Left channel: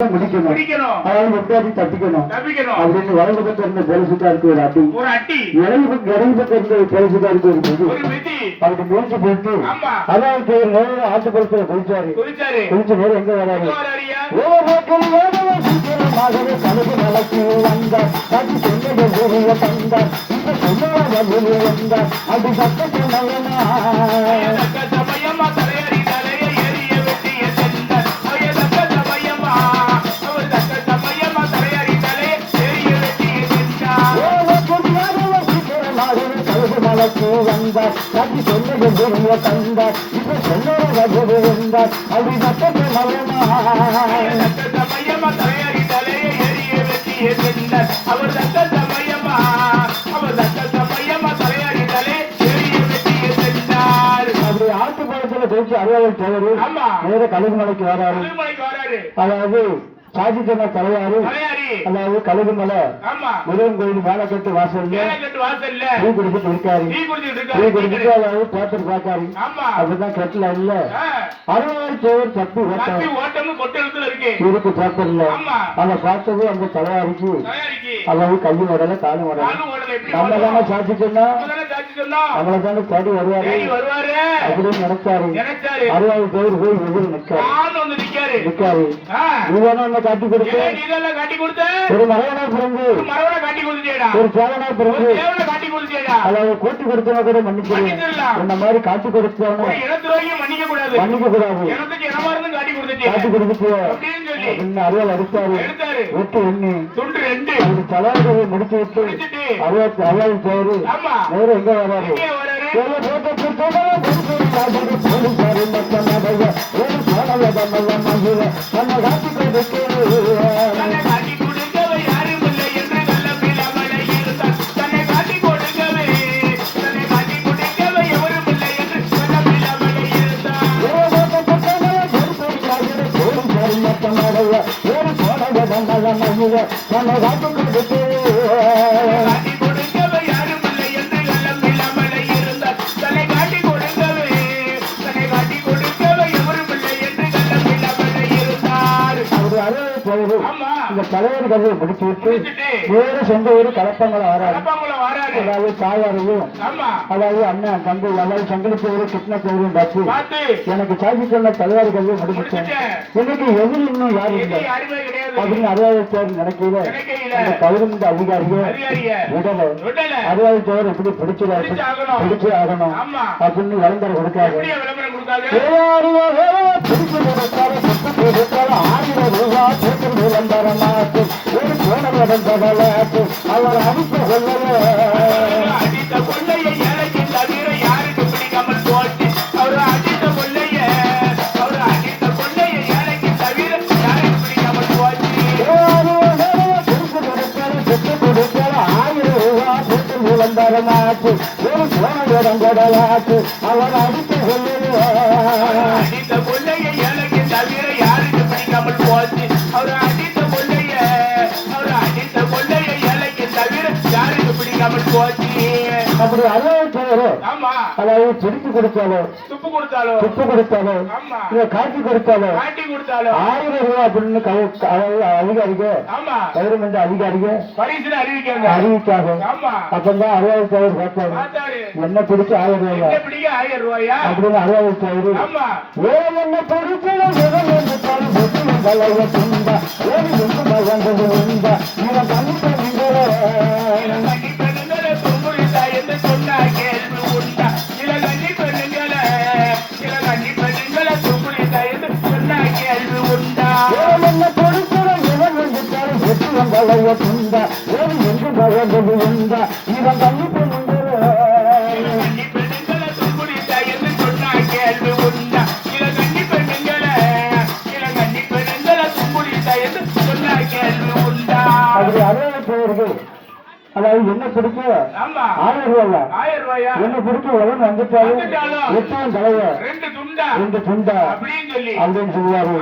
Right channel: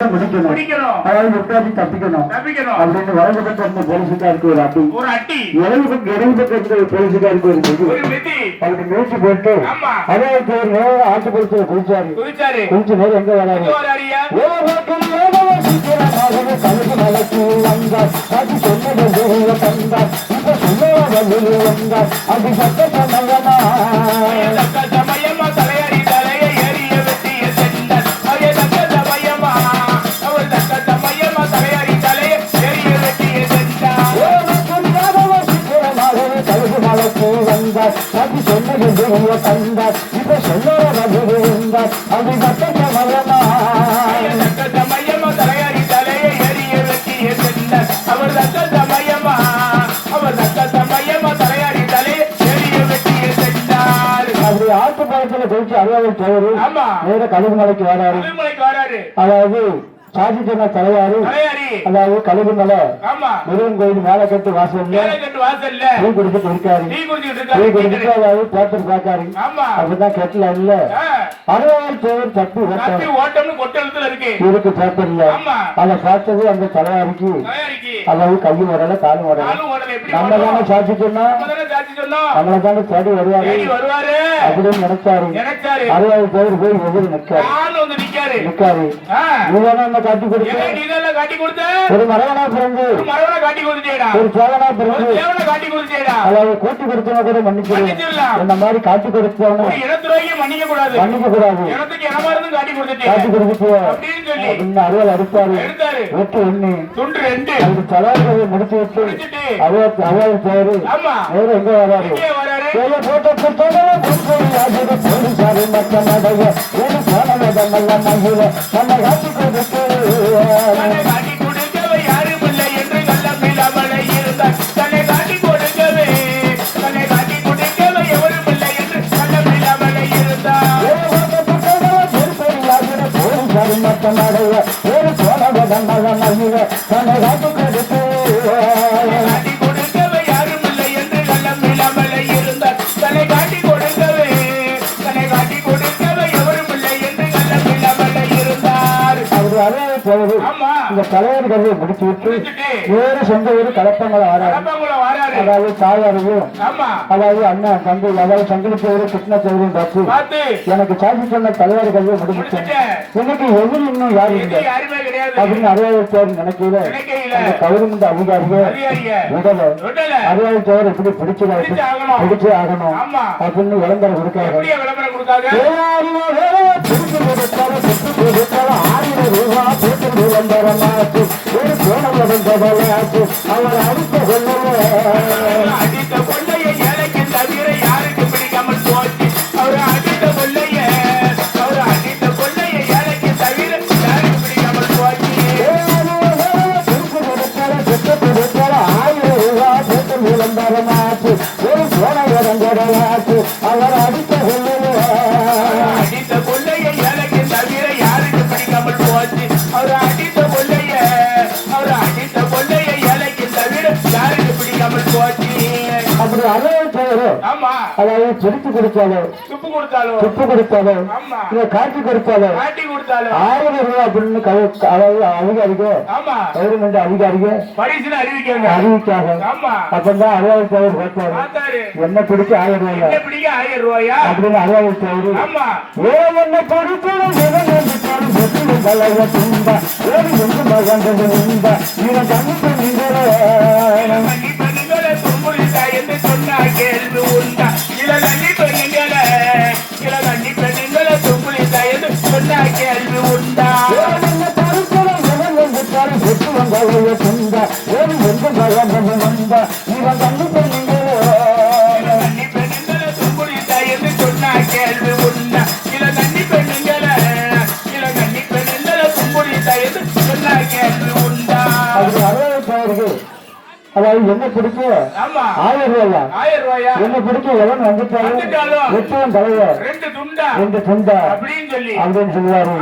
முடிக்கணும் அதாவது எப்படியாச்சும் தப்பிக்கணும் அப்படின்னு வலது பக்கம் இருந்த போலீஸுக்காருக்கு ஒரு அடி இடது பக்கம் இருந்த போலீஸுக்காருக்கு ஒரு மிதி அப்படி மிதிச்சு போயிட்டு அதாவது ஆட்டு போலீஸ்ல குளிச்சாரு குளிச்சு நேரம் எங்க வராரு நடக்கு வந்தார் அது சொன்னது தந்தார் இப்ப சொல்ல வந்தார் அது சட்ட சமயமா வந்தார் அது சொன்னது தந்தார் இப்ப சொல்ல வந்தார் அது சட்ட சமயமா அவர் தக்க சமயமா அவர் தக்க சமயமா தலையாடி தலையே அப்படி ஆட்டு பழத்துல கழிச்சு அறுபது தவறு நேர கழுகுமலைக்கு வராரு அதாவது சாதி சொன்ன தலையாரு அதாவது கழுகுமலை முருகன் கோயில் மேல கட்டு வாசல்ல டீ குடிச்சிட்டு இருக்காரு டீ குடிச்சிட்டு அதாவது பேப்பர் பாக்காரு அப்படிதான் கட்டல இல்ல அறுபது தேவர் தப்பி இருக்கு பேப்பர்ல அதை பார்த்தது அந்த தலையாருக்கு அதாவது கையும் உடல காலும் உடல நம்ம தானே சாட்சி சொன்னோம் நம்மளை தானே தேடி வருவாரு அப்படின்னு நினைச்சாரு அறுபது தேவர் போய் எதிர் நிக்காரு நீதானே காட்டி கொடுத்த ஒரு மரவனா பிறந்து ஒரு சேவனா பிறந்து அதாவது கூட்டி கொடுத்தன கூட மன்னிக்கிறேன் இந்த மாதிரி காட்டி கொடுத்தாங்க மன்னிக்க கூடாது காட்டி கொடுத்து அறுபது அடித்தாரு ஒட்டு ஒண்ணு அது தலைவர்களை முடிச்சு விட்டு அறுபது பேரு நேரம் எங்க வராரு போலீசாரு மக்கள் தன்னை காட்டி கொடுத்து ஒரு போனவ தன்னை காட்டி கொடுத்து இந்த தலைவர் கதையை முடிச்சு விட்டு வேறு சொந்த ஊர் கலப்பங்களை வராது அதாவது தாயாரையும் அதாவது அண்ணன் தம்பி அதாவது சங்கலிச்சவரு கிருஷ்ணச்சவரையும் பார்த்து எனக்கு சாட்சி சொன்ன தலைவர் கதையை முடிச்சுட்டேன் எனக்கு எதிரி இன்னும் யாரும் இல்லை அப்படின்னு அறுபது நினைக்கல அந்த பதினொன்று அதிகாரிகள் உடல அறுபது தேவர் எப்படி பிடிச்சே ஆகணும் அப்படின்னு விளம்பரம் கொடுக்கிறாங்க விளம்பரமாச்சு ஒரு கோணம் நடந்தவளாச்சு அவர் அடித்த கொள்ளைய எனக்கு தவிர யாருக்கு பிடிக்காமல் போச்சு அவர் அடித்த கொள்ளைய எனக்கு தவிர யாருக்கு பிடிக்காமல் போச்சு 1000 ரூபாய் போட்டு விளம்பரமாச்சு ஒரு கோணம் நடந்தவளாச்சு அவர் அடித்த கொள்ளைய எனக்கு தவிர யாருக்கு பிடிக்காமல் போச்சு அவர் அடித்த கொள்ளைய ஏழைக்கு தவிர யாருக்கு பிடிக்காமல் போச்சு அப்படி அதாவது செருப்பு கொடுத்தாலோ துப்பு கொடுத்தாலோ இல்ல காட்டி கொடுத்தாலோ 1000 ரூபாய் அப்படின்னு அதாவது அதிகாரிகள் கவர்மெண்ட் அதிகாரிகள் அறிவிக்காங்க அப்பதான் 60 தவறு பார்த்தாரு என்ன பிடிக்க 1000 ரூபாயா அப்படின்னு 60 தவறு என்ன என்று சொன்ன கேள்வி உண்டா இல கண்ணி பெண்ணுங்களே துப்புளித்தா என்று சொன்ன கேள்வி உண்டா அதாவது என்ன பிடிக்க 1000 ரூபாயா என்ன பிடிக்க எவன் வந்துட்டாலும் எட்டாம் தலைவர் 2 துண்டா அப்படின்னு சொல்லுவாரு.